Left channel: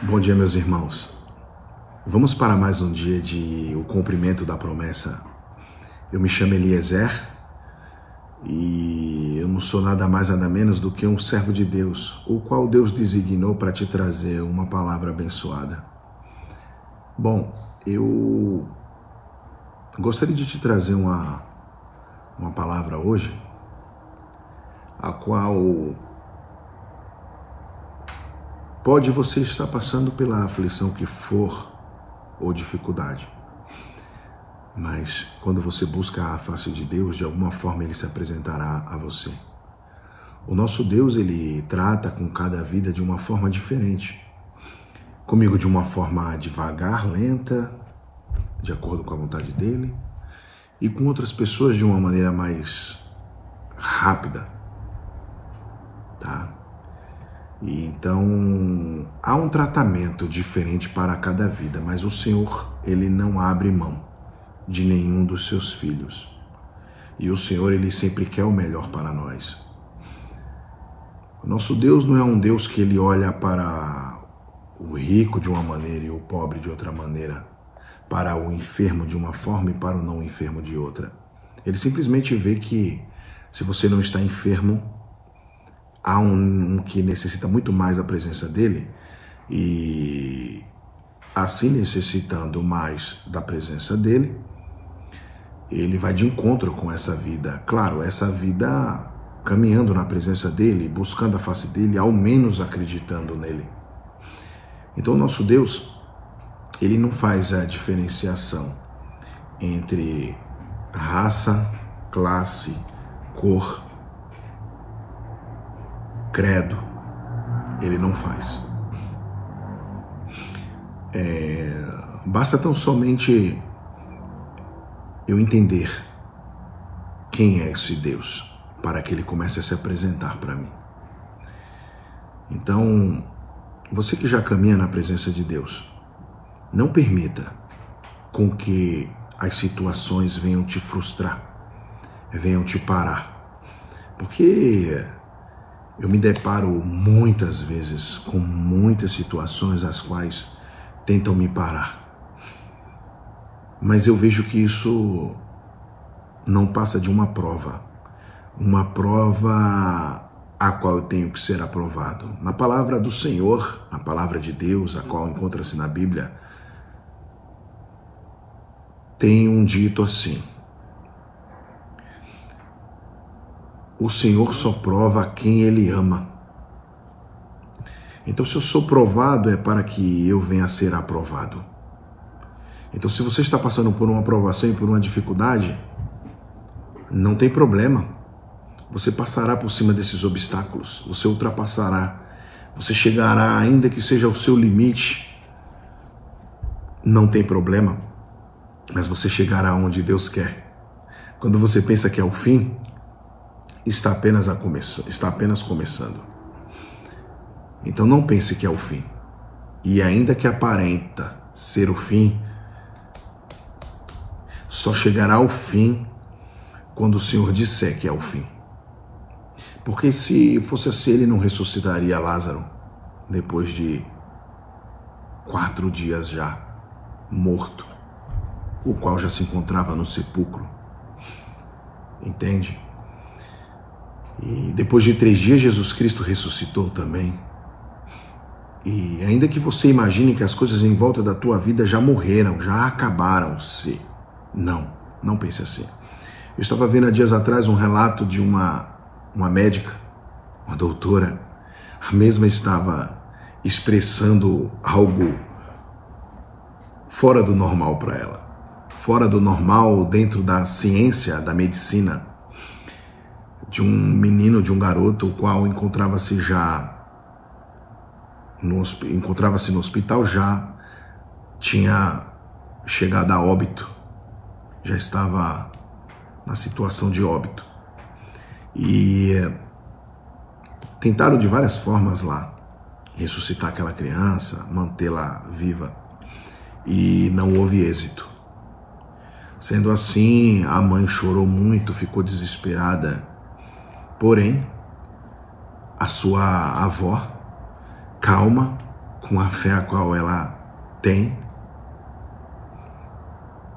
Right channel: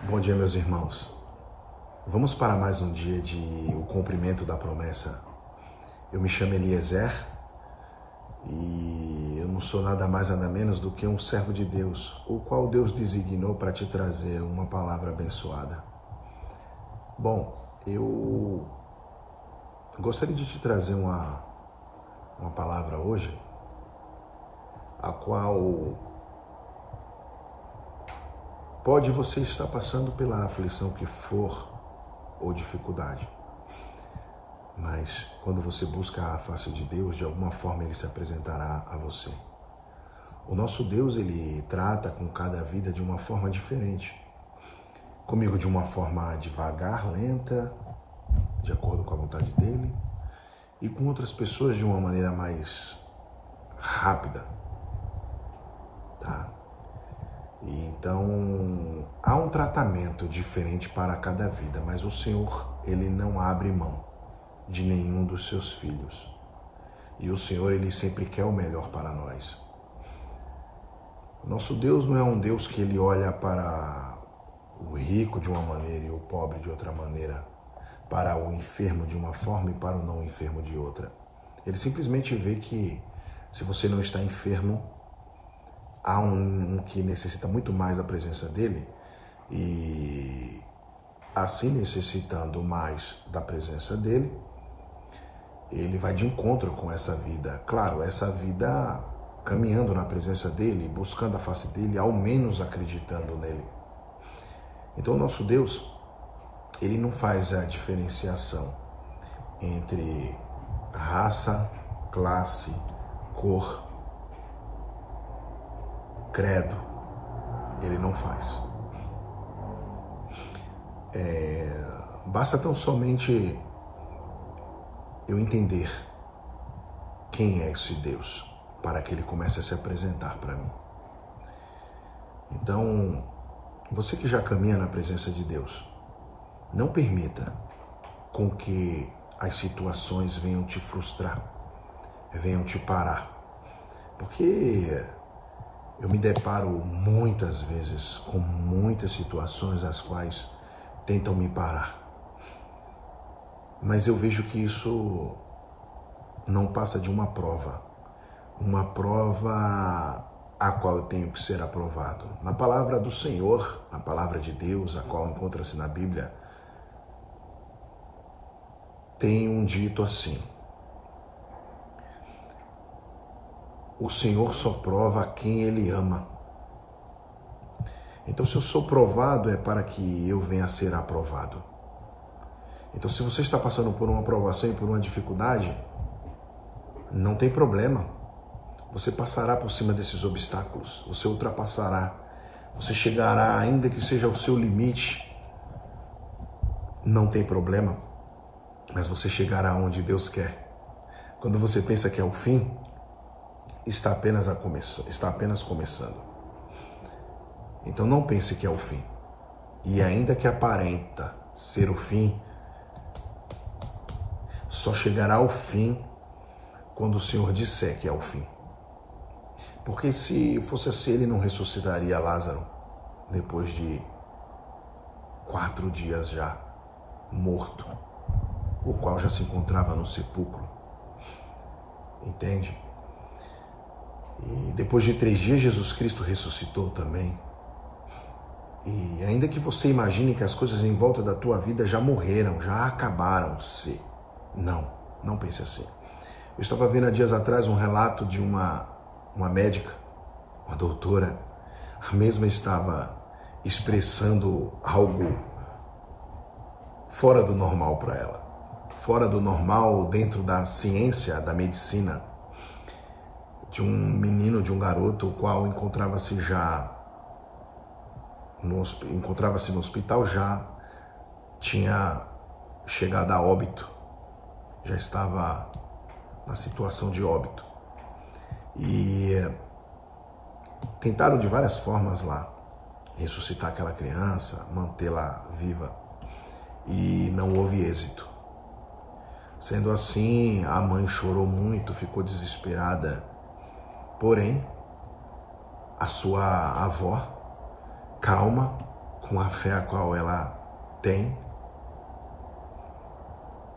Bom dia, meus irmãos. Vamos para mais um dia de o cumprimento da promessa. Eu me chamo Eliezer e eu não sou nada mais nada menos do que um servo de Deus, o qual Deus designou para te trazer uma palavra abençoada. Bom, eu gostaria de te trazer uma palavra hoje, a qual pode você estar passando pela aflição que for ou dificuldade. Mas quando você busca a face de Deus, de alguma forma Ele se apresentará a você. O nosso Deus, Ele trata com cada vida de uma forma diferente. Comigo de uma forma devagar, lenta, de acordo com a vontade dEle. E com outras pessoas de uma maneira mais rápida. Tá? E então, há um tratamento diferente para cada vida, mas o Senhor, Ele não abre mão de nenhum dos seus filhos. E o Senhor, Ele sempre quer o melhor para nós. O nosso Deus não é um Deus que Ele olha para o rico de uma maneira e o pobre de outra maneira, para o enfermo de uma forma e para o não enfermo de outra. Ele simplesmente vê que se você não está enfermo, há um que necessita muito mais da presença dele e assim necessitando mais da presença dele, ele vai de encontro com essa vida. Claro, essa vida caminhando na presença dele, buscando a face dele, ao menos acreditando nele. Então o nosso Deus, ele não faz a diferenciação entre raça, classe, cor, credo, ele não faz. Basta tão somente eu entender quem é esse Deus para que ele comece a se apresentar para mim. Então, você que já caminha na presença de Deus, não permita com que as situações venham te frustrar, venham te parar, porque eu me deparo muitas vezes com muitas situações as quais tentam me parar. Mas eu vejo que isso não passa de uma prova a qual eu tenho que ser aprovado. Na palavra do Senhor, a palavra de Deus, a qual encontra-se na Bíblia, tem um dito assim: o Senhor só prova a quem Ele ama. Então, se eu sou provado, é para que eu venha a ser aprovado. Então, se você está passando por uma provação e por uma dificuldade, não tem problema. Você passará por cima desses obstáculos, você ultrapassará, você chegará, ainda que seja o seu limite, não tem problema, mas você chegará onde Deus quer. Quando você pensa que é o fim, está apenas começando. Então não pense que é o fim. E ainda que aparenta ser o fim, só chegará ao fim quando o Senhor disser que é o fim. Porque se fosse assim, Ele não ressuscitaria Lázaro depois de 4 dias já morto, o qual já se encontrava no sepulcro. Entende? E depois de 3 dias, Jesus Cristo ressuscitou também. E ainda que você imagine que as coisas em volta da tua vida já morreram, já acabaram-se, não pense assim. Eu estava vendo há dias atrás um relato de uma médica, uma doutora. A mesma estava expressando algo fora do normal para ela. Fora do normal dentro da ciência, da medicina, de um menino, de um garoto, o qual encontrava-se no hospital, já tinha chegado a óbito, já estava na situação de óbito. E tentaram de várias formas lá ressuscitar aquela criança, mantê-la viva, e não houve êxito. Sendo assim, a mãe chorou muito, ficou desesperada. Porém, a sua avó, calma, com a fé a qual ela tem,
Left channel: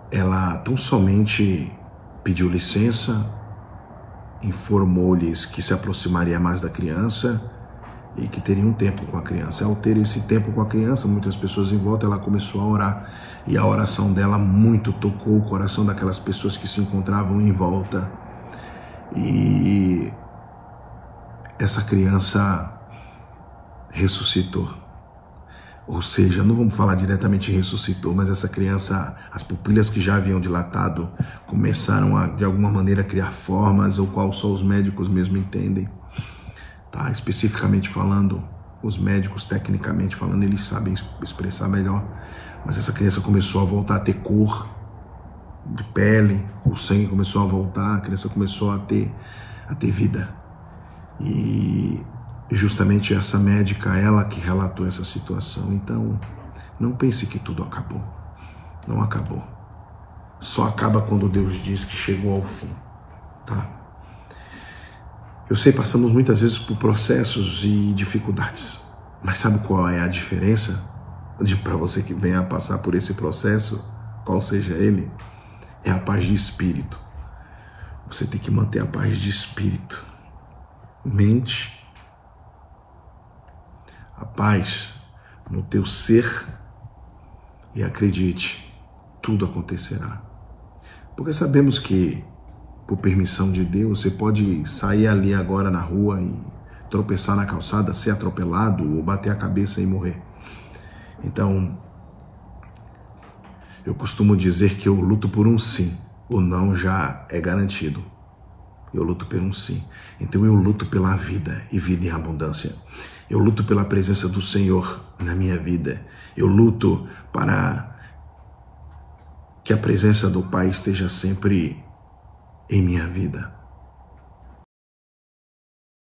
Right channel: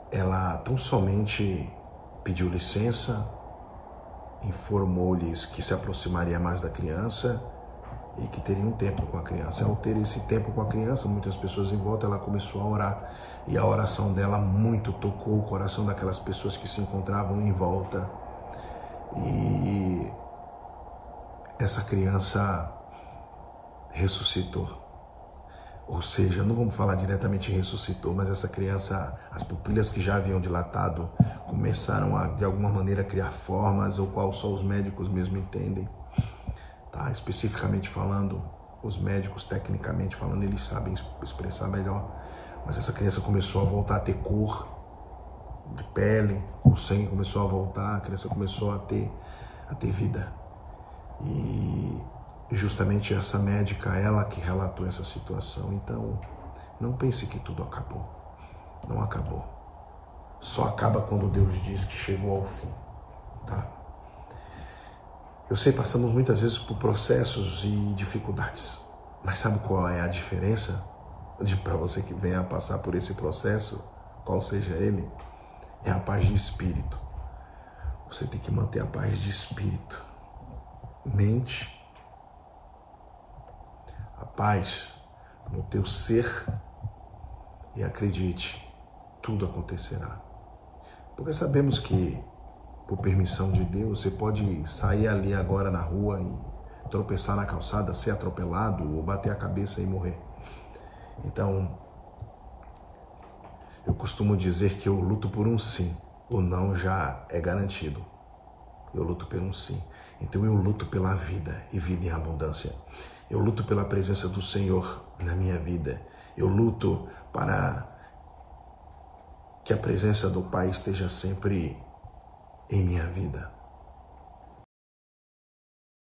ela tão somente pediu licença, informou-lhes que se aproximaria mais da criança e que teria um tempo com a criança. Ao ter esse tempo com a criança, muitas pessoas em volta, ela começou a orar, e a oração dela muito tocou o coração daquelas pessoas que se encontravam em volta, e essa criança ressuscitou. Ou seja, não vamos falar diretamente ressuscitou, mas essa criança, as pupilas que já haviam dilatado, começaram a, de alguma maneira, criar formas, ou qual só os médicos mesmo entendem. Tá? Especificamente falando, os médicos, tecnicamente falando, eles sabem expressar melhor. Mas essa criança começou a voltar a ter cor de pele, o sangue começou a voltar, a criança começou a ter vida. E justamente essa médica, ela que relatou essa situação. Então, não pense que tudo acabou. Não acabou. Só acaba quando Deus diz que chegou ao fim, tá? Eu sei, passamos muitas vezes por processos e dificuldades, mas sabe qual é a diferença para você que venha a passar por esse processo, qual seja ele? É a paz de espírito. Você tem que manter a paz de espírito, mente, a paz no teu ser, e acredite, tudo acontecerá. Porque sabemos que, por permissão de Deus, você pode sair ali agora na rua e tropeçar na calçada, ser atropelado ou bater a cabeça e morrer. Então, eu costumo dizer que eu luto por um sim, o não já é garantido. Eu luto por um sim. Então eu luto pela vida e vida em abundância. Eu luto pela presença do Senhor na minha vida. Eu luto para que a presença do Pai esteja sempre em minha vida.